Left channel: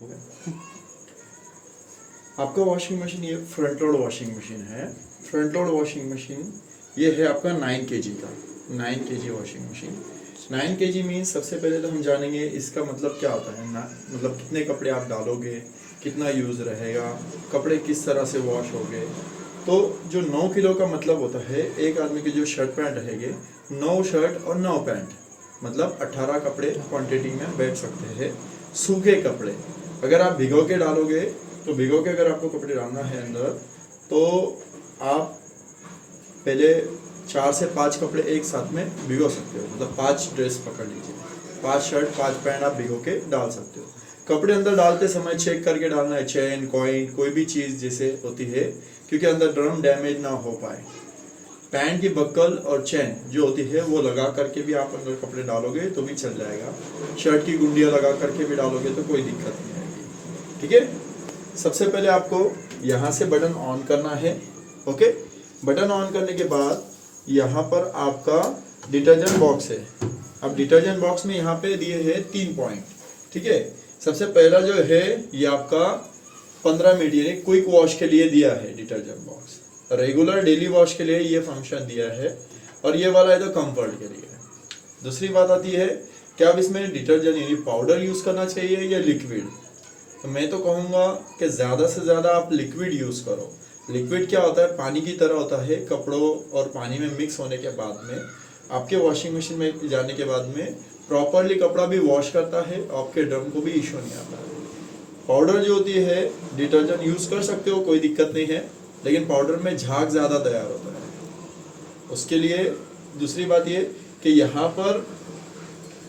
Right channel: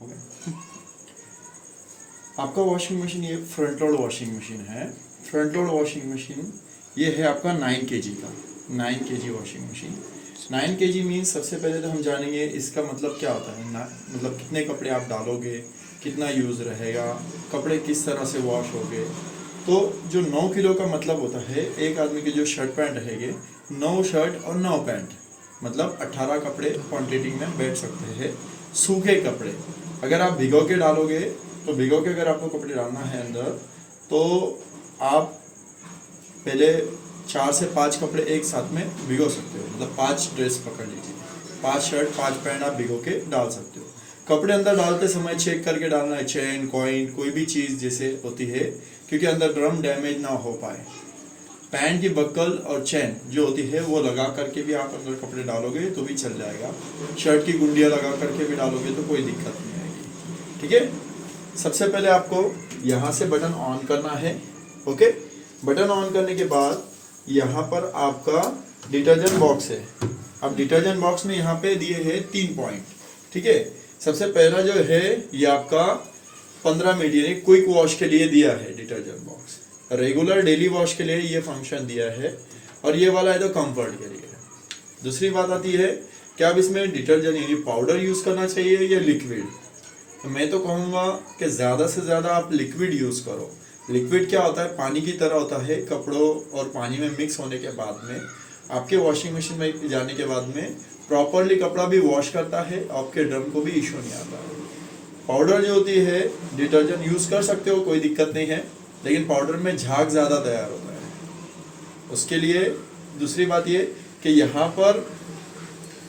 हो गया। आपका वॉशिंग मशीन ये फ्रंट लोड वॉशिंग मशीन है। फ्रंट लोड वॉशिंग मशीन ये है आपका 9 kg का, 9 kg washing machine. 9 kg means सबसे पहले तो हम जानेंगे इसका मतलब क्या होता है ना, मतलब कितने कपड़े आप डालोगे, कितना यूज़ रहेगा, कपड़े किस तरह से वॉश होंगे। तो जो 9 किलो का मतलब होता है, एक आदमी के जो शर्ट पैंट रहेंगे 9 शर्ट और 9 पैंट, मतलब 18 कपड़े क्वांटिटी में बैठ सकते हैं। सूखे कपड़े अगर आप भिगो के डालोगे तो भिगो के अगर आपको कपड़े डालना है अंदर, तो आप पहले 4 से 5 कपड़े एक साथ में भिगो सकते हो, मतलब 5 ड्रेस पकड़ लीजिए, 5 शर्ट 5 पैंट आप भिगो के डाल सकते हो। कपड़े अंदर डालते समय चेक करके डालना है, चेन कॉइन कोई भी चीज़ जैसे होती है, क्योंकि अंदर ड्रम डैमेज ना हो पाए। पैंट की बक्कल और चेन जो होती है वो लगा करके भी आप अंदर कपड़े डालोगे तो भी चल जाएगा। शर्ट की गुंडियाँ लगा करके भी डालोगे तो कोई दिक्कत नहीं आएगी। ठीक है, सबसे पहले आपको यहाँ से बटन ऑन करना है। ओके, बटन ऑन करने के बाद यहाँ पर आपका डिटर्जेंट बॉक्स है। अब डिटर्जेंट बॉक्स में यहाँ पे दिए हैं 3 पॉइंट। ठीक है, सबसे पहला जो है ये आपका 15 मिनट यानी क्विक वॉश के लिए दिया है detergent box. Regular daily wash के लिए ये फंक्शन दिया है, और ये वाला है तो कंफर्ट के लिए। दूसरी बात आती है कि आप इसमें डिटर्जेंट यानी पाउडर यूज़ करना चाहिए या लिक्विड। तो मैं तो कहूँगा कि ज़्यादा से ज़्यादा आप लिक्विड यूज़ करो। लिक्विड क्या होता है, पानी की तरह होता है, कपड़ों और पानी में मिक्स होने के बाद में आपके वॉशिंग मशीन में जाने के बाद में प्रॉपरली कपड़ा भी वॉश करता है, आपके ड्रम को भी इशू नहीं आता है। पाउडर जो होती है डिटर्जेंट यूज़ कर सकते हो, कोई दिक्कत नहीं है, लेकिन पाउडर में झाग ज़्यादा तैयार होता है। उसके लिए दूसरी बात ये कि यहाँ पर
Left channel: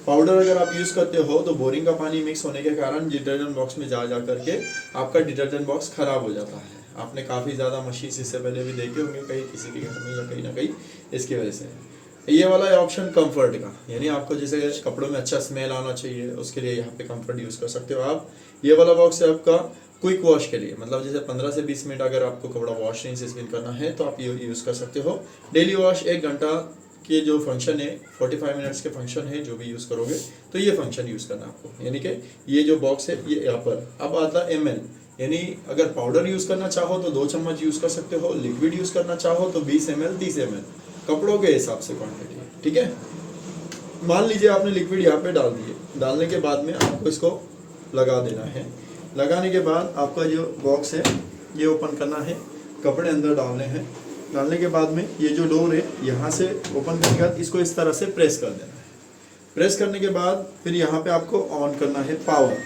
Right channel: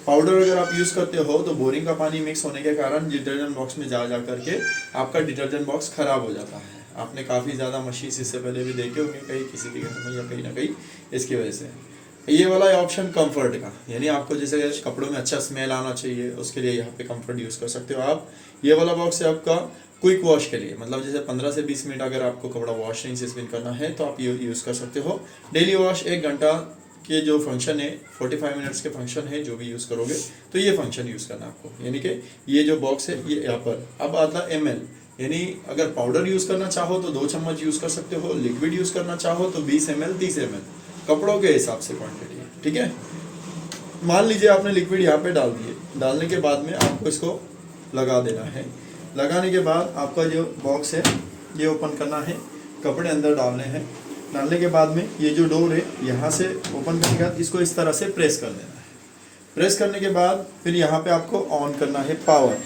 पाउडर अगर आप यूज़ करते हो तो बोरिंग का पानी मिक्स होने के कारण डिटर्जेंट बॉक्स में जा करके आपका डिटर्जेंट बॉक्स ख़राब हो जाता है। आपने काफ़ी ज़्यादा मशीन इससे पहले भी देखे होंगे कहीं किसी के घर में या कहीं ना कहीं, इसकी वजह से। ये वाला ऑप्शन कंफर्ट का, यानी आपको जैसे कपड़ों में अच्छा स्मेल आना चाहिए उसके लिए यहाँ पे कंफर्ट यूज़ कर सकते हो आप। ये वाला बॉक्स है आपका क्विक वॉश के लिए, मतलब जैसे 15 से 20 मिनट अगर आपको कपड़ा वॉश नहीं से स्पिन करना है तो आप ये यूज़ कर सकते हो। डेली वॉश 1 घंटा के जो फंक्शन है, 45 मिनट्स के फंक्शन है, जो भी यूज़ करोगे तो ये फंक्शन यूज़ करना है आपको। यानी कि ये जो बॉक्स है ये यहाँ पर अब आता है ml, यानी अगर पाउडर यूज़ करना चाहो तो 2 चम्मच यूज़ कर सकते हो, लिक्विड यूज़ करना चाहो तो 20 ml 30 ml, कपड़ों के हिसाब से क्वान्टिटी। ठीक है, मान लीजिए आपने लिक्विड यहाँ पे डाल दिए, डालने के बाद में आपको इसको लगा देना है। लगाने के बाद आपका जो बॉक्स है ये ओपन करना है, कपड़े अंदर डालने हैं। डालने के बाद में ये जो डोर है यहाँ से ओपन करने के बाद इसको इस तरह से प्रेस कर देना है। प्रेस करने के बाद फिर यहाँ पे आपको ऑन करना है पावर।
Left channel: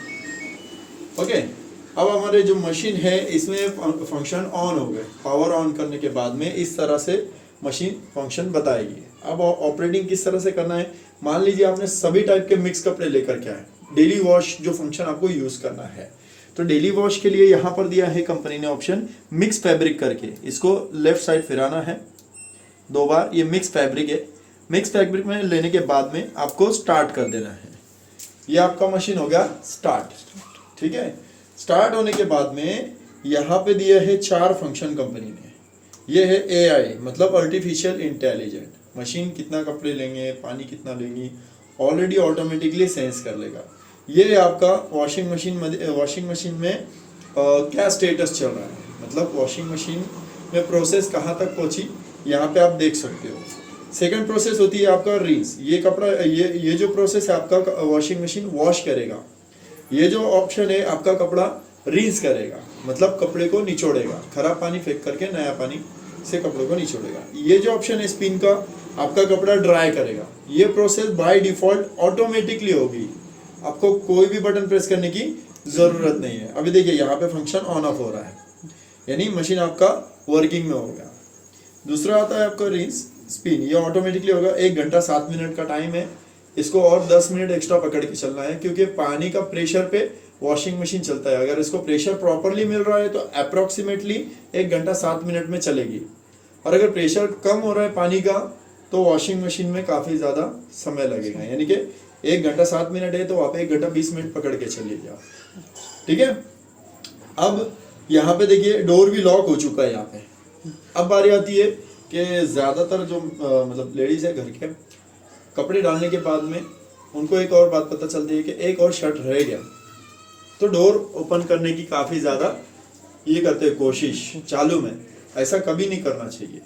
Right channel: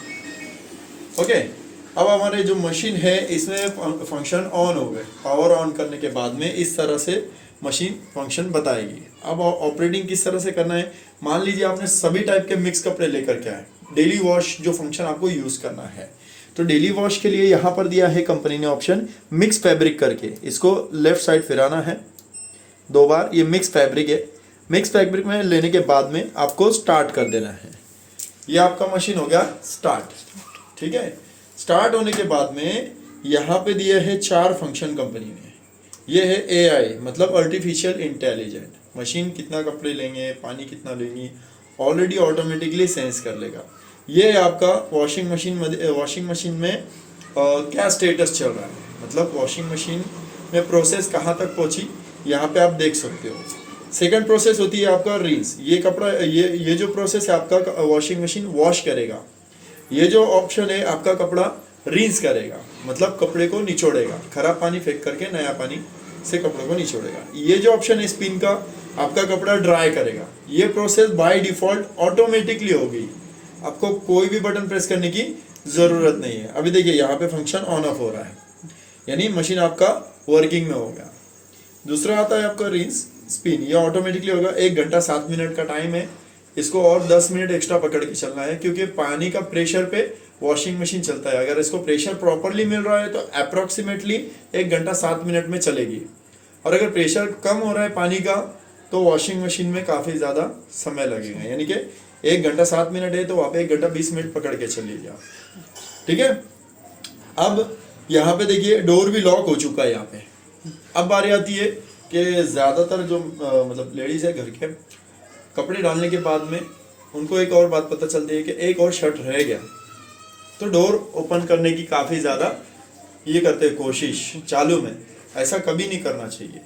ओके, अब हमारे जो मशीन है इसमें फंक्शन ऑन हो गए। पावर ऑन करने के बाद में इस तरह से मशीन फंक्शन बताएगी। अब ऑपरेटिंग किस तरह से करना है, मान लीजिए आपने सभी टाइप के मिक्स कपड़े लेकर के आए, डेली वॉश जो फंक्शन आपको यूज़ करना है, तो डेली वॉश के लिए यहाँ पर दिया है कंपनी ने ऑप्शन मिक्स फैब्रिक करके। इसको लेफ्ट साइड फिराना है 2 बार, ये मिक्स फैब्रिक है। मिक्स फैब्रिक में लेने के बाद में आपको स्टार्ट कर देना है। ये आपका मशीन हो गया स्टार्ट। ठीक है, स्टार्ट होने के बाद में यहाँ पे दिए है 4 फंक्शन कंपनी ने। ये है AI मतलब आर्टिफिशियल इंटेलिजेंट, मशीन कितना कपड़े लेंगे, पानी कितना लेंगी, ऑलरेडी ऑटोमेटिकली सेंस कर लेगा। ये आपका वॉशिंग मशीन में क्या स्टेटस चल रहा है, मतलब वॉशिंग मशीन में प्रोसेस कहाँ तक पहुँची यहाँ पे आप देख सकते हो। सेकंड प्रोसेस होती है आपका रिंस। ये कपड़ा ये जो प्रोसेस है आपका वॉशिंग मशीन वॉश करेगा। ये जो ऑप्शन है आपका कपड़ा रिंस करेगा, मतलब कपड़े को निचोड़ेगा, खराब पानी फेंक करके नया पानी से कपड़े को निचोड़ेगा। ये जो ऑप्शन है स्पिन का, आपका कपड़ा ड्राई करेगा। ये प्रोसेस बाय डिफॉल्ट ऑटोमेटिकली होगी, आपको कोई भी बटन प्रेस करने की ज़रूरत नहीं है। अभी देखिए यहाँ पे फंक्शन ऑन ऑफ हो रहा है, यानी मशीन आपका वर्किंग में हो गया। दूसरा आता है आपका रिंस स्पिन, ये ऑटोमेटिकली होगा। 1 घंटा 7 मिनट का टाइम है, इसको और 10 मिनट एक्स्ट्रा पकड़ के चलना है, क्योंकि पानी का प्रेशर पे वॉशिंग मशीन चलता है। अगर इसको प्रेशर प्रॉपरली मिल रहा है तो अप्रोक्सीमेटली 1 घंटा 7 मिनट में चलेगी, और अगर प्रेशर कम हो रहा है पानी का तो वॉशिंग मशीन में काफ़ी ज़्यादा समय लगेगा। यानी कि 1 घंटा 7 मिनट है तो आप 1 घंटा 20 मिनट पकड़ के चलिए आप। ठीक है, अब यहाँ पे देखिए डोर भी लॉक हो चुका है यहाँ पे। अब बारी आती है कि ज़्यादातर जो मतलब लेडीज़ है घर के, कपड़े डालने के बाद में उनको एक और बात पता चलती है कि एक और शर्ट रह गया, तो डोर ओपन करने की काफ़ी ज़्यादा ये करते हैं कोशिश चालू में। ऐसा कभी नहीं करना चाहिए,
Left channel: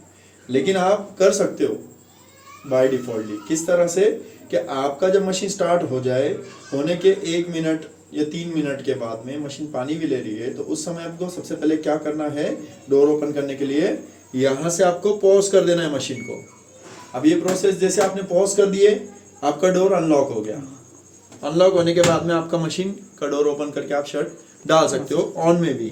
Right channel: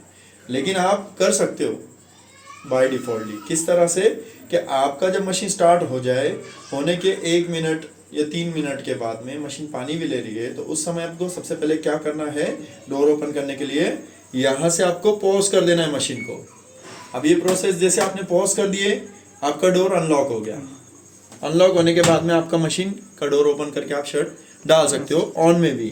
लेकिन आप कर सकते हो बाय डिफ़ॉल्टली। किस तरह से कि आपका जब मशीन स्टार्ट हो जाए, होने के 1 मिनट या 3 मिनट के बाद में मशीन पानी भी ले रही है, तो उस समय आपको सबसे पहले क्या करना है, डोर ओपन करने के लिए यहाँ से आपको पॉज कर देना है मशीन को। अब ये प्रोसेस जैसे आपने पॉज कर दिए, आपका डोर अनलॉक हो गया। अनलॉक होने के बाद में आपका मशीन का डोर ओपन करके आप शर्ट डाल सकते हो ऑन में भी,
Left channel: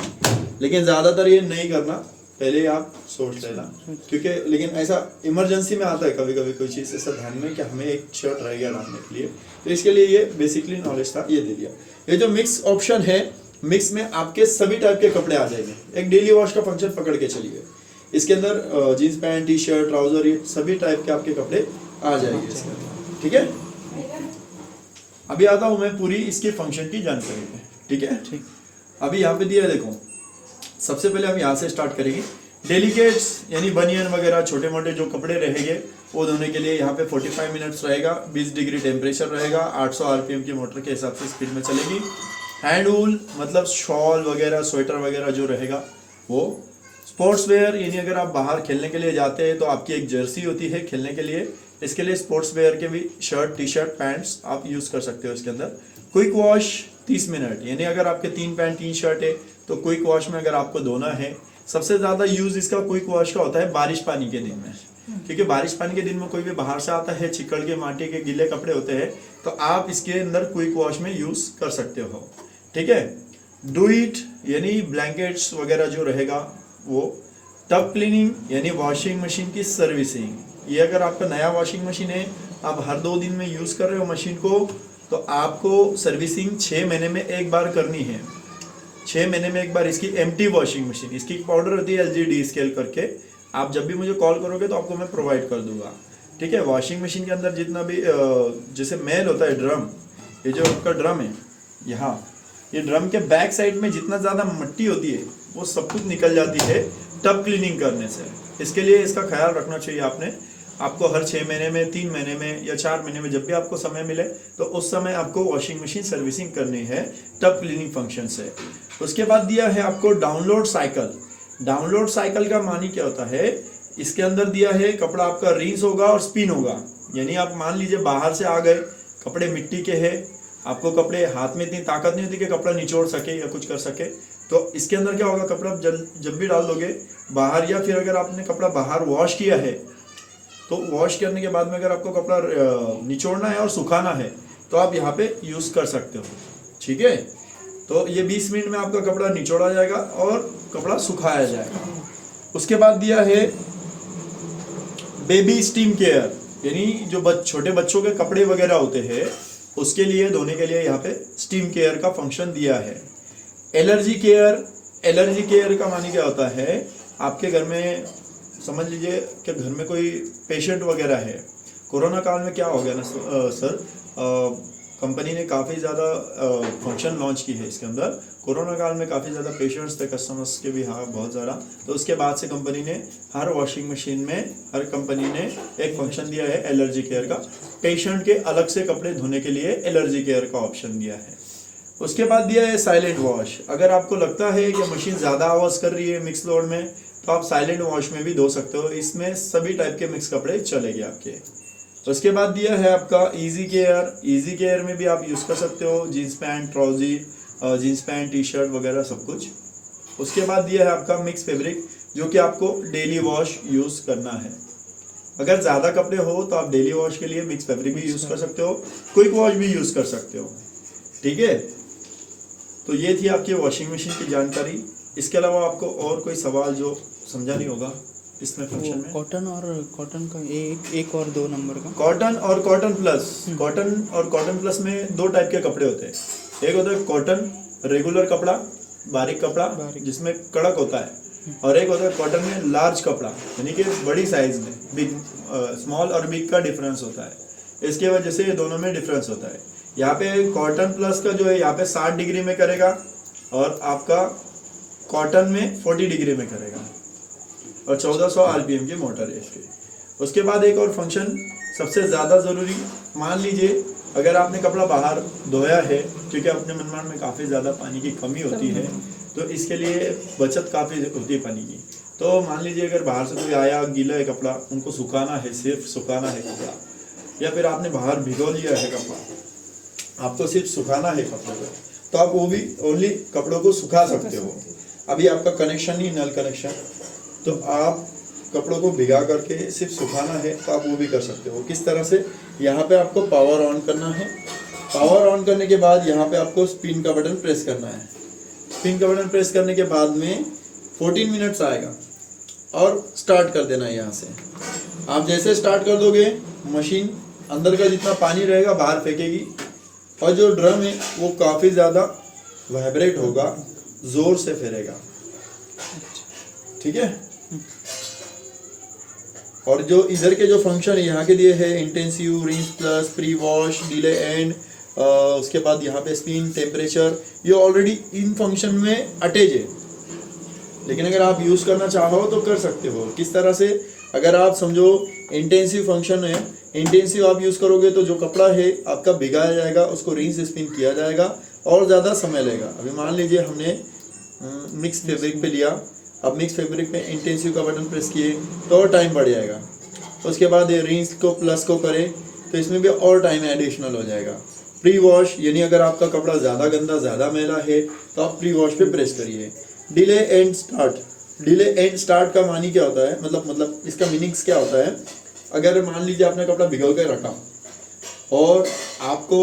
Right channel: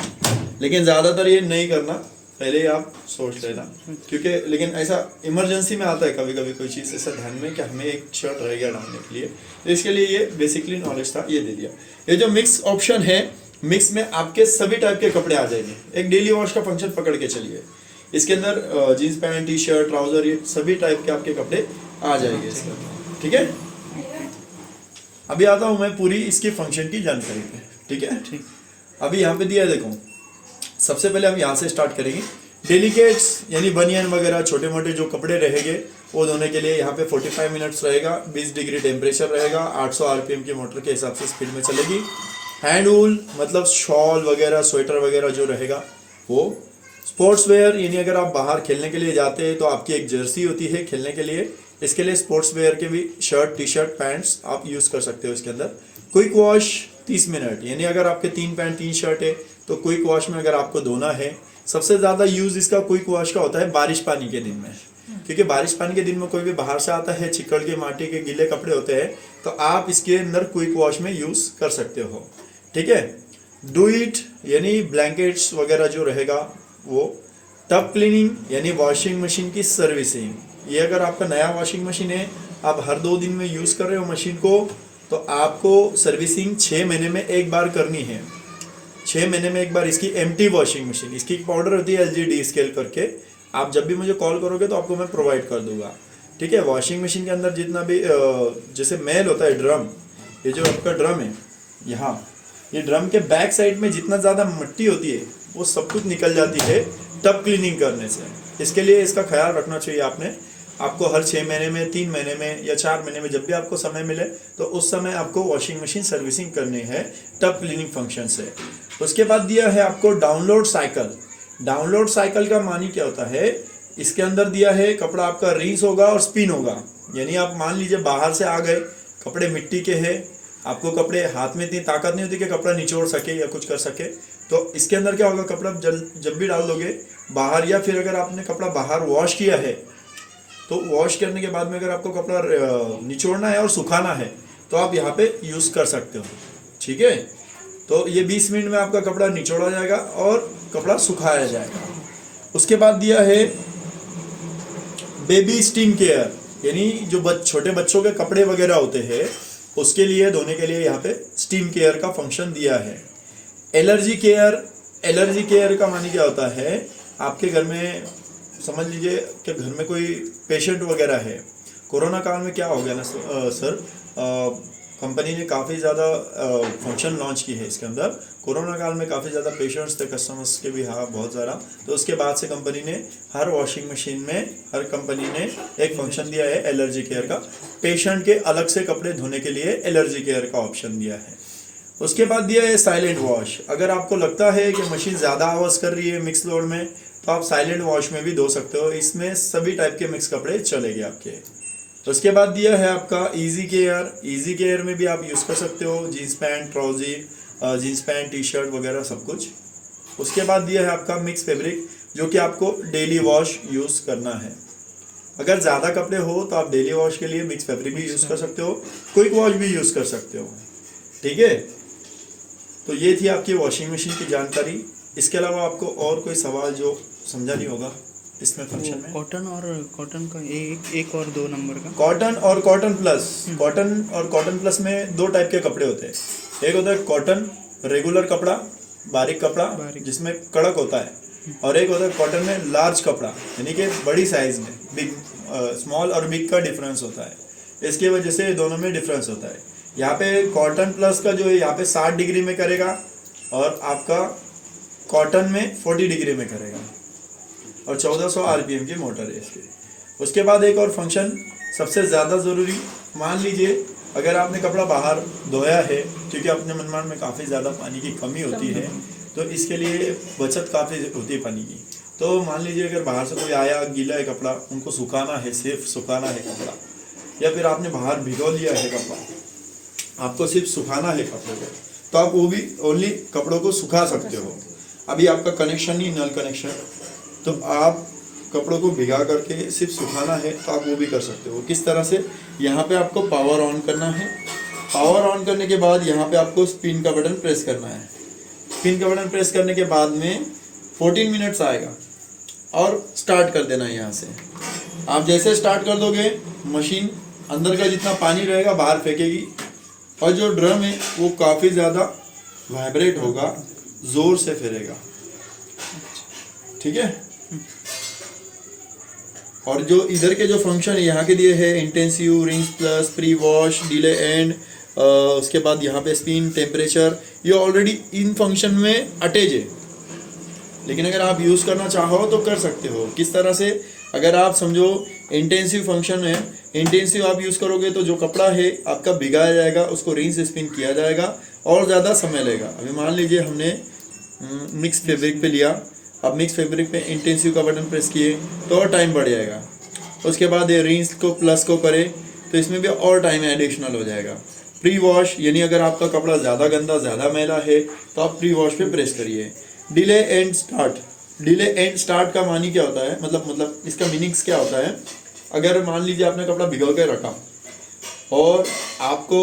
लेकिन ज़्यादातर ये नहीं करना, पहले आप सोच लेना। क्योंकि लेकिन ऐसा इमरजेंसी में आता है कभी कभी कोई चीज़ ऐसा ध्यान में कि हमें एक शर्ट रह गया डालने के लिए, तो इसके लिए ये बेसिकली नॉलेज था, ये दे दिया। ये जो मिक्स ऑप्शन है, मिक्स में आपके सभी टाइप के कपड़े आ जाएंगे। एक डेली वॉश का फंक्शन पकड़ के चलिए, इसके अंदर jeans pant, T shirt, trouser, ये सभी टाइप के आपके कपड़े आ जाएंगे इसके अंदर। ठीक है, अभी आता हूँ मैं पूरी इसकी फंक्शन की जानकारी पे। ठीक है, अभी यहाँ पे दिया है, देखो सबसे पहले हम यहाँ से स्टार्ट करेंगे। डेलिकेट्स यानी बनियन वगैरह छोटे मोटे जो कपड़े रहेंगे वो धोने के लिए यहाँ पे 45 मिनट्स रहेगा, 20 डिग्री टेम्परेचर रहेगा, 800 आरपीएम की मोटर के हिसाब से स्पीड में चलेगी। हैंड वूल मतलब शॉल वगैरह, स्वेटर वगैरह जो रहेगा वो। स्पोर्ट्स वेयर यानी अगर आप बाहर खेलने के लिए जाते हैं तो आपकी एक जर्सी होती है खेलने के लिए, इसके लिए स्पोर्ट्स वेयर के भी शर्ट, टी शर्ट, पैंट्स आप यूज़ कर सकते हो इसके अंदर। क्विक वॉश 30 मिनट, यानी अगर आपके 3 पैंट 3 शर्ट है तो क्विक वॉश में अगर आपको धोना है, सबसे ज़्यादा यूज़ इसका क्विक वॉश का होता है बारिश पानी के दिन में, क्योंकि बारिश पानी के दिन में कोई भी बाहर से आता है, चिकड़ के, माटी के गिले कपड़े होते हैं, तो आप इसके अंदर क्विक वॉश में यूज़ कर सकते हो। ठीक है, डू इट यानी ब्लैंकेट्स वगैरह जो रहेगा वो। टब क्लीनिंग यानी वॉशिंग मशीन की सर्विसिंग, ये अगर आपका नया वॉशिंग मशीन है, आप हर 2 दिन में यूज़ कर रहे हो मशीन को, तो आपको सर्विसिंग 6 महीने में एक बार करनी है। 6 महीने में एक बार इसकी एम्प्टी वॉशिंग मशीन, इसकी पाउडर होती है LGD स्केल करके, आप जब भी मुझे कॉल करोगे तो आपको मैं प्रोवाइड कर दूंगा। ठीक है, वॉशिंग मशीन के अंदर जितना भी जैसे मैल होता है, ड्रम, ये जो आपका ड्रम है यहाँ, ये ड्रम के बैक साइड में जितना ज़्यादा मिट्टी होती है वो सब कुछ निकल जाती है टब क्लीनिंग करने से। इसके लिए इसका ख्याल रखना चाहिए आपने। आपको हर 6 महीने में, 3 महीने में या 4 महीने में जब भी आपको समय मिले तो उस समय आपको वॉशिंग मशीन सर्विसिंग करनी है टब क्लीनिंग फंक्शन से। उसके बाद दिया है आपको डाउनलोड साइकिल। डाउनलोड साइकिल का मानी क्या होता है, इसके अंदर दिया है कपड़ा आपका रिंस होगा और स्पिन होगा। यानी आप मान लीजिए बाहर से आ गए, कपड़े मिट्टी के हैं, आपको कपड़े हाथ में इतनी ताकत नहीं होती कि कपड़ा निचोड़ सके या कुछ कर सके, तो इसके अंदर क्या होगा, कपड़ा जब भी डाल दोगे बाहर, या फिर अगर आपने कपड़ा बाहर वॉश किया है तो वॉश करने के बाद में अगर आपको कपड़ा निचोड़ना है और सुखाना है तो आप यहाँ पे यूज़ कर सकते हो। ठीक है, तो ये 20 मिनट में आपका कपड़ा निचोड़ा जाएगा और कपड़ा सुखाया जाएगा। उसके बाद दिया है बेबी स्टीम केयर, यानी जो छोटे बच्चों के कपड़े वगैरह होते हैं उसके लिए धोने के लिए यहाँ पे स्टीम केयर का फंक्शन दिया है। एलर्जी केयर, एलर्जी केयर का मानी क्या होता है, आपके घर में समझ लीजिए कि घर में कोई पेशेंट वगैरह है। कोरोना काल में क्या हो गया ना सर, कंपनी ने काफ़ी ज़्यादा फंक्शन लॉन्च की है इसके अंदर। कोरोना काल में काफ़ी ज़्यादा पेशेंट्स थे, कस्टमर्स के भी, हाँ बहुत ज़्यादा, तो उसके बाद से कंपनी ने हर वॉशिंग मशीन में, हर कंपनी ने एक फंक्शन दिया है एलर्जी केयर का। पेशेंट के अलग से कपड़े धोने के लिए एलर्जी केयर का ऑप्शन दिया है। उसके बाद दिया है साइलेंट वॉश। अगर आपको लगता है कि मशीन ज़्यादा आवाज़ कर रही है मिक्स लोड में, तो आप साइलेंट वॉश में भी धो सकते हो, इसमें सभी टाइप के मिक्स कपड़े चलेंगे आपके। उसके बाद दिया है आपका इजी केयर। इजी केयर में भी आप यूज़ कर सकते हो jeans pant, trousers, jeans pant, T shirt वगैरह सब कुछ। उसके बाद दिया है आपका मिक्स फैब्रिक, जो कि आपको डेली वॉश यूज़ करना है। अगर ज़्यादा कपड़े हो तो आप डेली वॉश के लिए मिक्स फैब्रिक भी यूज़ कर सकते हो, क्विक वॉश भी यूज़ कर सकते हो। ठीक है, तो ये थी आपकी वॉशिंग मशीन की जानकारी। इसके अलावा आपको और कोई सवाल जो समझा नहीं होगा इसमें फंक्शन में? कॉटन का एक और 2 नंबर का कॉटन और कॉटन प्लस। कॉटन और कॉटन प्लस में 2 टाइप के कपड़े होते हैं। एक होता है कॉटन रेगुलर कपड़ा, बारीक कपड़ा जिसमें कड़क होता है, और एक होता है कॉटन में लार्ज कपड़ा, यानी कि बड़ी साइज में, बिग, स्मॉल और बिग का डिफरेंस होता है। इसकी वजह से दोनों में डिफरेंस होता है। यहाँ पे कॉटन प्लस का जो है यहाँ पे 60 डिग्री में करेगा और आपका कॉटन में 40 डिग्री में करेगा, और 1400 आरपीएम की मोटर है इसकी। उसके बाद एक और फंक्शन सबसे ज़्यादा ज़रूरी, मान लीजिए अगर आपने कपड़ा बाहर धोया है क्योंकि अपने मनमान में काफ़ी ज़्यादा पानी की कमी होती है, तो इसके लिए बचत काफ़ी होती है पानी की। तो मान लीजिए अगर बाहर से कोई आया, गीला है कपड़ा, उनको सुखाना है, सिर्फ सुखाना है कपड़ा, या फिर आपने बाहर भिगो लिया है कपड़ा, आपको सिर्फ सुखाना है कपड़ों को, तो आप वो भी ओनली कपड़ों को सुखा सकते हो। अभी आपका कनेक्शन ही नल कनेक्शन, तो आप कपड़ों को भिगा करके सिर्फ सुखाना है, तो आप वो भी कर सकते हो। किस तरह से, यहाँ पे आपको पावर ऑन करना है, पावर ऑन करने के बाद यहाँ पे आपको स्पिन का बटन प्रेस करना है। स्पिन का बटन प्रेस करने के बाद में 14 मिनट्स आएगा और स्टार्ट कर देना है। यहाँ से आप जैसे स्टार्ट कर दोगे, मशीन अंदर का जितना पानी रहेगा बाहर फेंकेगी, और जो ड्रम है वो काफ़ी ज़्यादा वाइब्रेट होगा, ज़ोर से फेरेगा, ठीक है। और जो इधर के जो फंक्शन है यहाँ के दिए हैं, intensive, rinse plus, pre wash, delay and, उसके बाद यहाँ पे स्पिन, टेम्परेचर, ये ऑलरेडी इन फंक्शन में अटैच है। लेकिन अगर आप यूज़ करना चाहो तो कर सकते हो। किस तरह से, अगर आप समझो इंटेंसिव फंक्शन है, इंटेंसिव आप यूज़ करोगे तो जो कपड़ा है आपका भिगाया जाएगा, उसको रिंस स्पिन किया जाएगा और ज़्यादा समय लेगा। अभी मान लीजिए हमने मिक्स फैब्रिक पे लिया, अब मिक्स फैब्रिक पे इंटेंसिव का बटन प्रेस किए तो और टाइम बढ़ जाएगा। उसके बाद ये रिंस को प्लस को करे तो इसमें भी और टाइम एडिशनल हो जाएगा। प्री वॉश, यानी अगर आपका कपड़ा ज़्यादा गंदा, ज़्यादा मैला है तो आप प्री वॉश पे प्रेस करिए। Delay and start, delay and start का मानी क्या होता है, मतलब इसका मीनिंग्स क्या होता है। अगर मान लीजिए आपने कपड़ा भिगो के रखा और आपको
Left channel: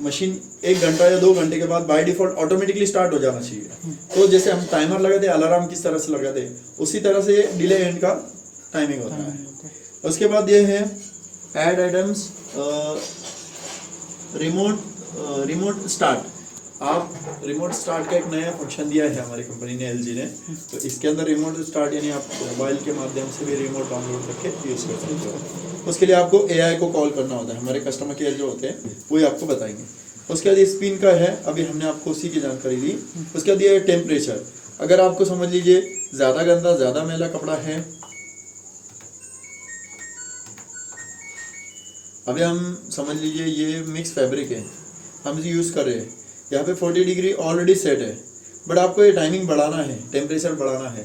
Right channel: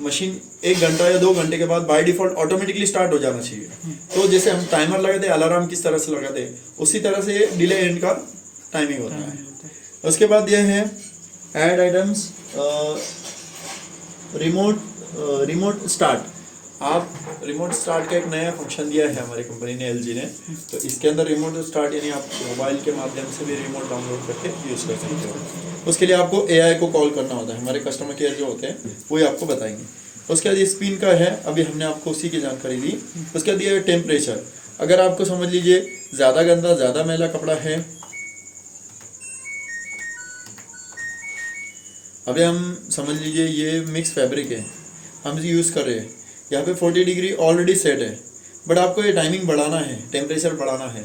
मशीन 1 घंटा या 2 घंटे के बाद बाय डिफॉल्ट ऑटोमेटिकली स्टार्ट हो जाना चाहिए, तो जैसे हम टाइमर लगाते हैं, अलार्म किस तरह से लगाते हैं, उसी तरह से डिले एंड का टाइमिंग होता है। उसके बाद ये है ऐड आइटम्स, रिमोट स्टार्ट। आप रिमोट स्टार्ट का एक नया फंक्शन दिया है हमारी कंपनी ने, एलजी ने, तो इसके अंदर रिमोट स्टार्ट यानी आप मोबाइल के माध्यम से भी रिमोट डाउनलोड करके यूज़ कर सकते हो। उसके लिए आपको एआई को कॉल करना होता है, हमारे कस्टमर केयर जो होते हैं वही आपको बताएंगे। उसके बाद ये स्पिन का है, अभी हमने आपको उसी की जानकारी दी। उसके बाद ये टेम्परेचर, अगर आपको समझ लीजिए ज़्यादा गंदा, ज़्यादा मैला कपड़ा है, अभी हम समझ लीजिए ये मिक्स फैब्रिक है, हम इसे यूज़ कर रहे हैं, यहाँ पे 40 डिग्री ऑलरेडी सेट है, बट आपको ये टाइमिंग बढ़ाना है, टेम्परेचर बढ़ाना है,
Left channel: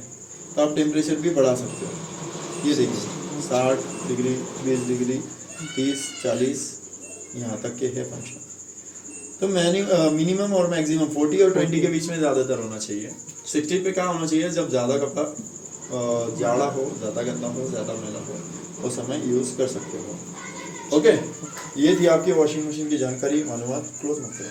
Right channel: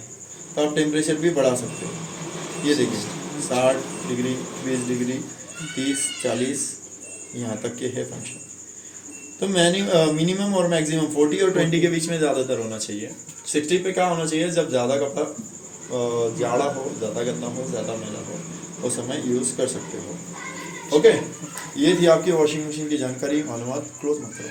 तो आप टेम्परेचर भी बढ़ा सकते हो। ये देखिए 60 डिग्री, 20 डिग्री, 30, 40, यहाँ तक के है फंक्शन। तो मिनिमम और मैक्सिमम 40 और 20 के बीच में ज़्यादातर होना चाहिए। 60 पे क्या होना चाहिए, जब ज़्यादा कपड़ा जाड़ा हो, ज़्यादा गंदा हो, ज़्यादा मैला हो, उस समय यूज़ कर सकते हो। ओके, ये थी आपकी वॉशिंग मशीन की जानकारी, मालूमात। क्लोज मत करें।